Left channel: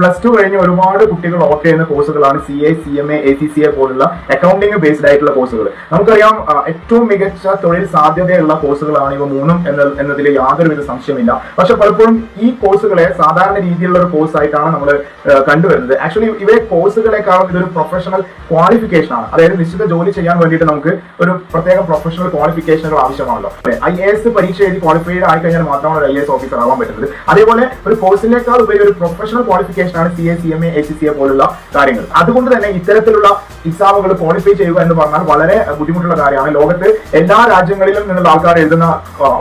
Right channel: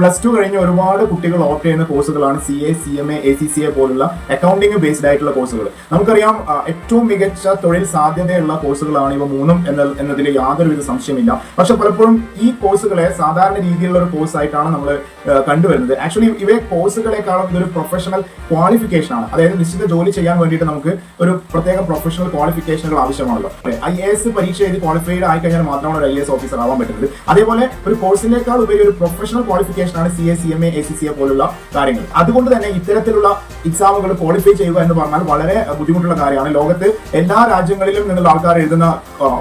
+2 കഴിഞ്ഞ് ഒരുപാട് കുട്ടികൾ ഓപ്റ്റ് ചെയ്യുന്ന കോഴ്സുകളാണ് CA, CMA, ACCA പോലുള്ള അക്കൗണ്ടിങ് ബേസ്ഡ് ആയിട്ടുള്ള കോഴ്സുകൾ. നമുക്കറിയാം ഏറ്റവും മികച്ച തൊഴിൽ സാധ്യതയുള്ള കോഴ്സുകളാണ് ഇവ മൂന്നും എന്നതിൽ യാതൊരുവിധ സംശയമില്ല. പക്ഷെ പലപ്പോഴും ഈ കോഴ്സുകളെ സാധാരണ രീതിയിലുള്ള ഒരു കോഴ്സ് ആയിട്ടാണ് നമ്മൾ കണ്ടുവരുന്നത്. ആക്ച്വലി ഇവയെ കോഴ്സുകളെക്കാളും ഇതൊരു പ്രൊഫഷണൽ ക്വാളിഫിക്കേഷൻ ആണ്. അതായത് നിശ്ചിത ജോലി ചെയ്യാൻ വേണ്ടിയിട്ട് നമുക്ക് ഒരു പ്രത്യേക പ്രൊഫഷണൽ ക്വാളിഫിക്കേഷനുകൾ ആവശ്യമാണല്ലോ. IAS പരീക്ഷ എഴുതി ക്വാളിഫൈഡ് ആയി കഴിഞ്ഞാൽ മാത്രമാണ് ഒരു IAS ഓഫീസർ ആവാൻ പറ്റുന്നത്. അതേപോലെ ഒരു കോഴ്സിനേക്കാൾ ഉപരി ഒരു പ്രൊഫഷണൽ ക്വാളിഫിക്കേഷൻ ആണ് CA, CMA, ACCA പോലുള്ള കാര്യങ്ങൾ. അതുകൊണ്ട് തന്നെ ഇത്തരത്തിലുള്ള എക്സാമുകൾ ക്വാളിഫൈ ചെയ്യുക എന്ന് പറഞ്ഞാൽ വളരെ ബുദ്ധിമുട്ടുള്ള കാര്യമാണ്. ലോകത്ത് എല്ലാ രാജ്യങ്ങളിലും നിന്നുള്ള ആൾക്കാർ എഴുതുന്ന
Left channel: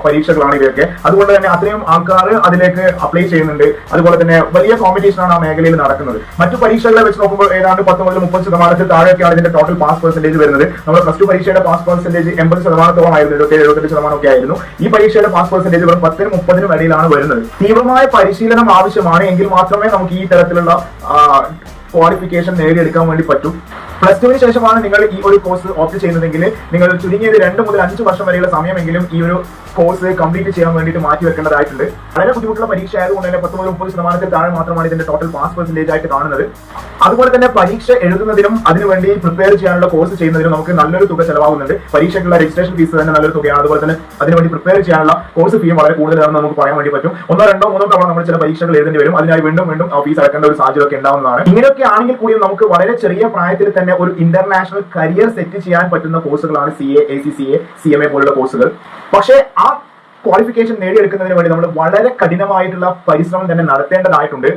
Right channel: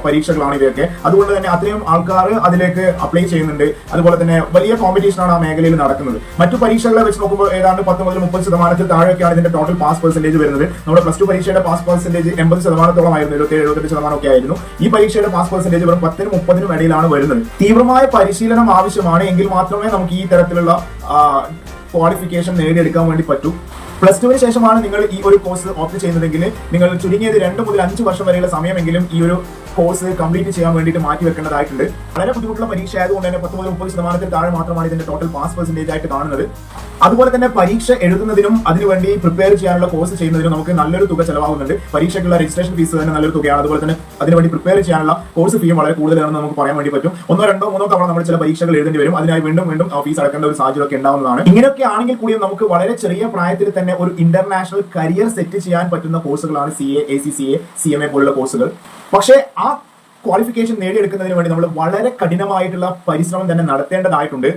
പരീക്ഷകളാണ് ഇവയൊക്കെ. അതുകൊണ്ട് തന്നെ അത്രയും ആൾക്കാർ അതിലേക്ക് അപ്ലൈ ചെയ്യുന്നുണ്ട്. അതുപോലെ തന്നെ വലിയ കോമ്പറ്റീഷനാണ് ആ മേഖലയിൽ നടക്കുന്നത്. മറ്റു പരീക്ഷകളെ വെച്ച് നോക്കുമ്പോൾ ഏതാണ്ട് 10 മുതൽ 30% താഴെയൊക്കെയാണ് ഇതിന്റെ ടോട്ടൽ പാസ് പെർസെന്റേജ് വരുന്നത്. നമ്മുടെ +2 പരീക്ഷയുടെ പാസ് പെർസെന്റേജ് 80% ആയിരുന്നു, 77-78% ഒക്കെ ആയിരുന്നു. ഈ പരീക്ഷയുടെ പാസ് പെർസെന്റേജ് വെറും 10-30 ഇടയിലാണ് വരുന്നത്. തീവ്രമായ പരിശീലനം ആവശ്യമാണ് എങ്കിൽ മാത്രമേ നമുക്ക് ഈ തരത്തിലുള്ള ക്വാളിഫിക്കേഷൻ നേടിയെടുക്കാൻ വേണ്ടി പറ്റൂ. +2 ശേഷമാണ് നിങ്ങൾ ഈ ഒരു കോഴ്സ് ഓപ്റ്റ് ചെയ്യുന്നതെങ്കിൽ നിങ്ങൾ ചുരുങ്ങിയത് 2 മുതൽ 5 വർഷം വരെയുള്ള സമയമെങ്കിലും ഈ ഒരു കോഴ്സ് കംപ്ലീറ്റ് ചെയ്യാൻ വേണ്ടിയിട്ട് മാറ്റി വെക്കേണ്ടതായിട്ടുണ്ട്. വളരെ ബുദ്ധിമുട്ടുള്ള പരീക്ഷ ആയതുകൊണ്ട് തന്നെ 10 മുതൽ 30% താഴെ മാത്രമാണ് ഇതിന്റെ ടോട്ടൽ പാസ് പെർസെന്റേജ് ആയിട്ട് കാണുന്നത്. അതുപോലെ തന്നെ പരീക്ഷ എഴുതുന്നതിനും അതിനുവേണ്ടി പ്രിപ്പയർ ചെയ്യാനുള്ള കോഴ്സ് ചെയ്യുന്നതിനും നമുക്ക് നല്ലൊരു തുക ചെലവാകുന്നുണ്ട്. പരീക്ഷയ്ക്കുള്ള രജിസ്ട്രേഷൻ ഫീസ് തന്നെ നല്ലൊരു തുകയാണ്. അതുപോലെ തന്നെ അതിനുവേണ്ടി പ്രിപ്പയർ ചെയ്യാനുള്ള കോഴ്സ് ഫീയും വളരെ കൂടുതലാണെന്ന് നമുക്ക് പറയാൻ വേണ്ടി പറ്റും. 1, 2, 3 തവണ നമ്മൾ ചില പരീക്ഷകൾ എഴുതേണ്ടി വരും. അതിനായി വീണ്ടും ഫീസ് അടക്കേണ്ട ഒരു സാഹചര്യം ഒക്കെ ഉണ്ടാവുന്നതാണ്. ഇങ്ങനെയൊക്കെ ആണെങ്കിൽ കൂടിയും നമുക്ക് വളരെ ചെറിയ പ്രായത്തിൽ തന്നെ ഒരു ഇന്റർനാഷണൽ കരിയർ സെറ്റ് ചെയ്യാൻ പറ്റുന്ന കോഴ്സുകളാണ് CA, ACCA, CMA പോലുള്ള കോഴ്സുകൾ. പക്ഷേ ആ ക്വാളിഫിക്കേഷൻ നേടിയെടുക്കുന്നതിന് വേണ്ടി നമ്മൾ വളരെ കഠിനമായിട്ടുള്ള പരിശ്രമം തന്നെ നടത്തേണ്ടതായിട്ടുണ്ട്.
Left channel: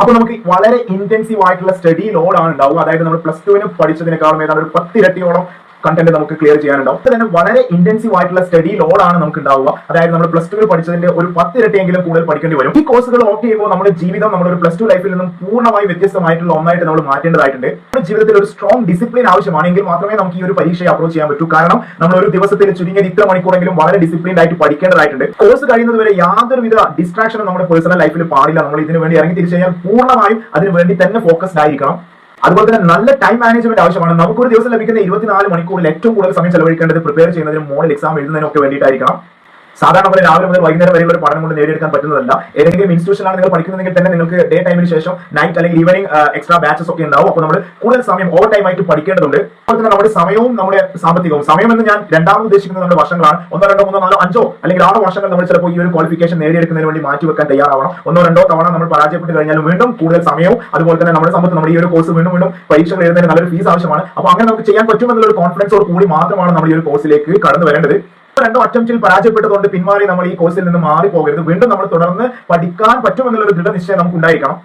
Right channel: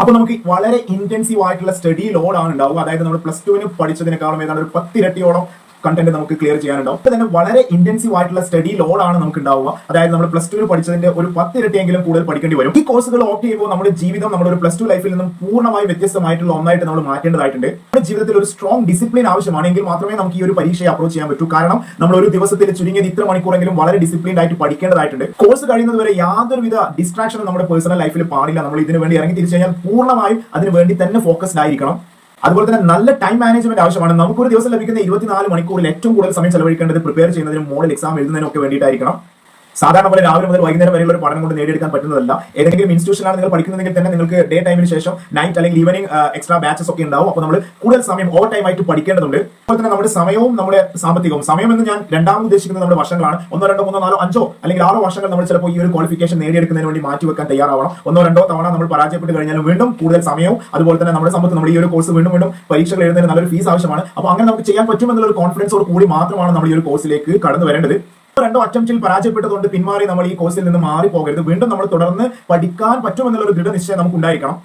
അപ്പൊ നമുക്ക് വളരെ ഇന്റൻസീവ് ആയിട്ടുള്ള സ്റ്റഡി ലോഡാണ് ഉണ്ടാവുക. അതായത് നമ്മൾ +2 പഠിച്ചതിനേക്കാളും ഏതാണ്ട് ഒരു 10 ഇരട്ടിയോളം കണ്ടന്റ് നമുക്ക് ക്ലിയർ ചെയ്യാനുണ്ടാവും. തന്നെ വളരെ ഇന്റൻസീവ് ആയിട്ടുള്ള സ്റ്റഡി ലോഡാണ് നമുക്ക് ഉണ്ടാവുക. അതായത് നമ്മൾ +2 പഠിച്ചതിന്റെ ഒരു 10 ഇരട്ടിയെങ്കിലും കൂടുതൽ പഠിക്കേണ്ടി വരും. ഈ കോഴ്സുകൾ ഓപ്റ്റ് ചെയ്യുമ്പോൾ നമ്മുടെ ജീവിതം നമ്മുടെ ഒരു +2 ലൈഫിൽ നിന്നും പൂർണ്ണമായി വ്യത്യസ്തമായിട്ടുള്ള ഒന്നായിട്ട് നമ്മൾ മാറ്റേണ്ടതായിട്ടുണ്ട്. നമ്മുടെ ജീവിതത്തിൽ ഒരു സ്ട്രോങ് ഡിസിപ്ലിൻ ആവശ്യമാണെങ്കിൽ മാത്രമേ നമുക്ക് ഈ ഒരു പരീക്ഷയെ അപ്രോച്ച് ചെയ്യാൻ പറ്റൂ. കാരണം നമ്മൾ ഒരു ദിവസത്തിൽ ചുരുങ്ങിയത് ഇത്ര മണിക്കൂറെങ്കിലും വളരെ ഡിസിപ്ലിൻഡ് ആയിട്ട് പഠിക്കേണ്ടതായിട്ടുണ്ട്. കോഴ്സ് കഴിയുന്നത് വരെ യാതൊരുവിധ ഡിസ്ട്രാക്ഷനും നമ്മുടെ പേഴ്സണൽ ലൈഫിൽ പാടില്ല. നമ്മൾ ഇതിനു വേണ്ടി ഇറങ്ങി തിരിച്ചു കഴിഞ്ഞാൽ പൂർണ്ണമായും അതിനു വേണ്ടി തന്നെ ഫോക്കസ്ഡ് ആയിരിക്കണം. അതുപോലെ തന്നെ നല്ല ടൈം മാനേജ്മെന്റ് ആവശ്യമാണ്. നമുക്കൊരു ദിവസം ലഭിക്കുന്ന 24 മണിക്കൂറിൽ ഏറ്റവും കൂടുതൽ സമയം ചെലവഴിക്കേണ്ടത് പ്രിപ്പയർ ചെയ്യുന്നതിനും മോഡൽ എക്സാം എഴുതുന്നതിനും ഒക്കെ വേണ്ടിയിട്ടായിരിക്കണം. സാധാരണ പോലെ രാവിലെ മുതൽ വൈകുന്നേരം വരെയുള്ള ഒരു പഠനം കൊണ്ട് നേടിയെടുക്കാൻ പറ്റുന്നതല്ല. ഏതെങ്കിലും ഇൻസ്റ്റിറ്റ്യൂഷനാണ് നിങ്ങൾ പഠിക്കുന്നതെങ്കിൽ തന്നെ നിങ്ങൾക്ക് ഡേ ടൈമിന് ശേഷം നൈറ്റ് അല്ലെങ്കിൽ ഈവനിങ് എക്സ്ട്രാ ബാച്ചസ് ഒക്കെ ഉണ്ടാവും. അപ്പോൾ നമ്മൾ കൂടുതൽ സമയം ഓവർ ടൈം ആയിട്ട് പഠിക്കേണ്ടതുണ്ട്. അതുപോലെ തന്നെ നമ്മുടെ സമയവും നമ്മുടെ സാമ്പത്തികവും, സമയം എന്ന് ഞാൻ രണ്ടാമത് ഉദ്ദേശിക്കുന്നത് നമ്മുടെ വർഷങ്ങളാണ്. 1, 2, 3, 4, 5 അല്ലെങ്കിൽ 6 വർഷങ്ങൾ നമ്മൾ ചിലപ്പോൾ ഈ ഒരു ക്വാളിഫിക്കേഷൻ നേടിയെടുക്കുന്നതിന് വേണ്ടി മാറ്റിവെക്കാൻ തയ്യാറാവണം. 1, 2 തവണ നമ്മൾ പരാജയപ്പെട്ട് കഴിഞ്ഞാലും വീണ്ടും കൂടുതൽ സമയവും അതുപോലെ തന്നെ നമ്മുടെ സമ്പത്ത്, നമ്മുടെ ഈ ഒരു കോഴ്സ് വീണ്ടും പരീക്ഷകൾ എഴുതുന്നതിന് നല്ലൊരു ഫീസ് ആവശ്യമാണ്. അപ്പോൾ അങ്ങനെ നമുക്ക് ചെയ്യാൻ പറ്റുമെന്നുള്ള ഒരു കോൺഫിഡൻസോട് കൂടി മാത്രമാണ് നമ്മൾ ഈ ഒരു കോഴ്സിലേക്ക് കടന്നു വരേണ്ടത്. 2 അറ്റംപ്റ്റിൽ പരാജയപ്പെട്ടതുകൊണ്ട് പിന്മാറി നമ്മൾ ഈ കോഴ്സിൽ നിന്ന് മാറി പോകരുത്. വീണ്ടും നമ്മൾ തുടർന്ന് പഠിക്കാൻ പറ്റുമെന്നുള്ള ഒരു ദൃഢനിശ്ചയം നമുക്ക് ഉണ്ടായിരിക്കണം.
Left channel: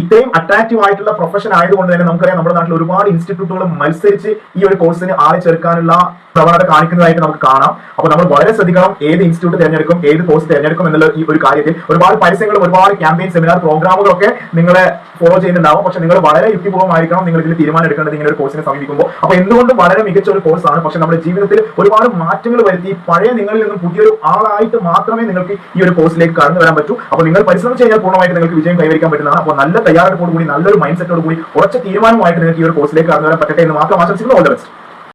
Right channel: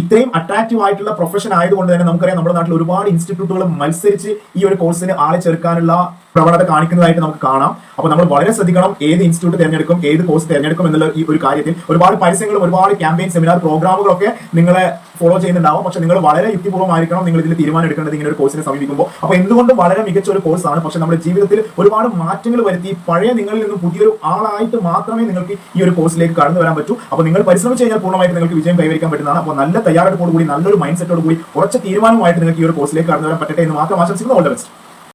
ഇത്രയും അട്രാക്റ്റീവ് ആയിട്ടുള്ള പ്രൊഫഷൻ ആയതുകൊണ്ട് തന്നെ നമുക്കറിയാം നമ്മുടെ നാട്ടിൽ ഒരുപാട് ഇൻസ്റ്റിറ്റ്യൂട്ടുകൾ മത്സരിച്ച് ഈ ഒരു കോഴ്സിന് ആളെ ചേർക്കാനുള്ള പ്രവണത കാണിക്കുന്നതായിട്ട് നമുക്ക് കാണാം. അപ്പോൾ നമ്മൾ വളരെ ശ്രദ്ധിക്കണം ഏത് ഇൻസ്റ്റിറ്റ്യൂട്ട് തിരഞ്ഞെടുക്കും, ഏത് കോഴ്സ് തിരഞ്ഞെടുക്കും എന്നുള്ള ഈ ഒരു കാര്യത്തിൽ. ഒരുപാട് പരസ്യങ്ങളും ഒരുപാട് ക്യാമ്പയിൻ, സെമിനാർ, പ്രോഗ്രാമുകളൊക്കെ നിങ്ങളെ ഫോളോ ചെയ്യുന്നുണ്ടാവും. പക്ഷെ നിങ്ങൾ വളരെ യുക്തിപൂർവ്വമായിരിക്കണം നിങ്ങൾ ഇതിൽ തീരുമാനം എടുക്കേണ്ടത് ഇങ്ങനെ ഒരു കോഴ്സിനെ സമീപിക്കുമ്പോൾ. അപ്പോൾ എന്തുകൊണ്ടും വളരെ മികച്ച ഒരു കോഴ്സാണ്. പക്ഷെ നമ്മുടെ ജീവിതത്തിൽ ഒരുപാട് മാറ്റങ്ങൾ വരുത്തി പഴയ നിങ്ങളിൽ നിന്നും പുതിയൊരു ആളായിട്ട് മാത്രമേ നിങ്ങൾക്ക് ഈ ഒരു കോഴ്സിലേക്ക് കടന്നു വരാൻ പറ്റൂ. അപ്പോൾ നിങ്ങൾ പരിശ്രമിച്ച് കഴിഞ്ഞാൽ പൂർണ്ണമായിട്ട് നിങ്ങൾക്ക് വിജയം കൈവരിക്കാൻ പറ്റുന്നതാണ്. അപ്പോൾ നല്ല തയ്യാറെടുപ്പോടുകൂടി, നല്ലൊരു മൈൻഡ് സെറ്റോട് കൂടി, ഉറച്ച തീരുമാനമായിട്ട് നിങ്ങൾക്ക് ഈ ഒരു കോഴ്സിലേക്ക് കടന്നു വരാൻ പറ്റട്ടെ എന്ന് മാത്രം ആശംസിക്കുന്നു. All the best.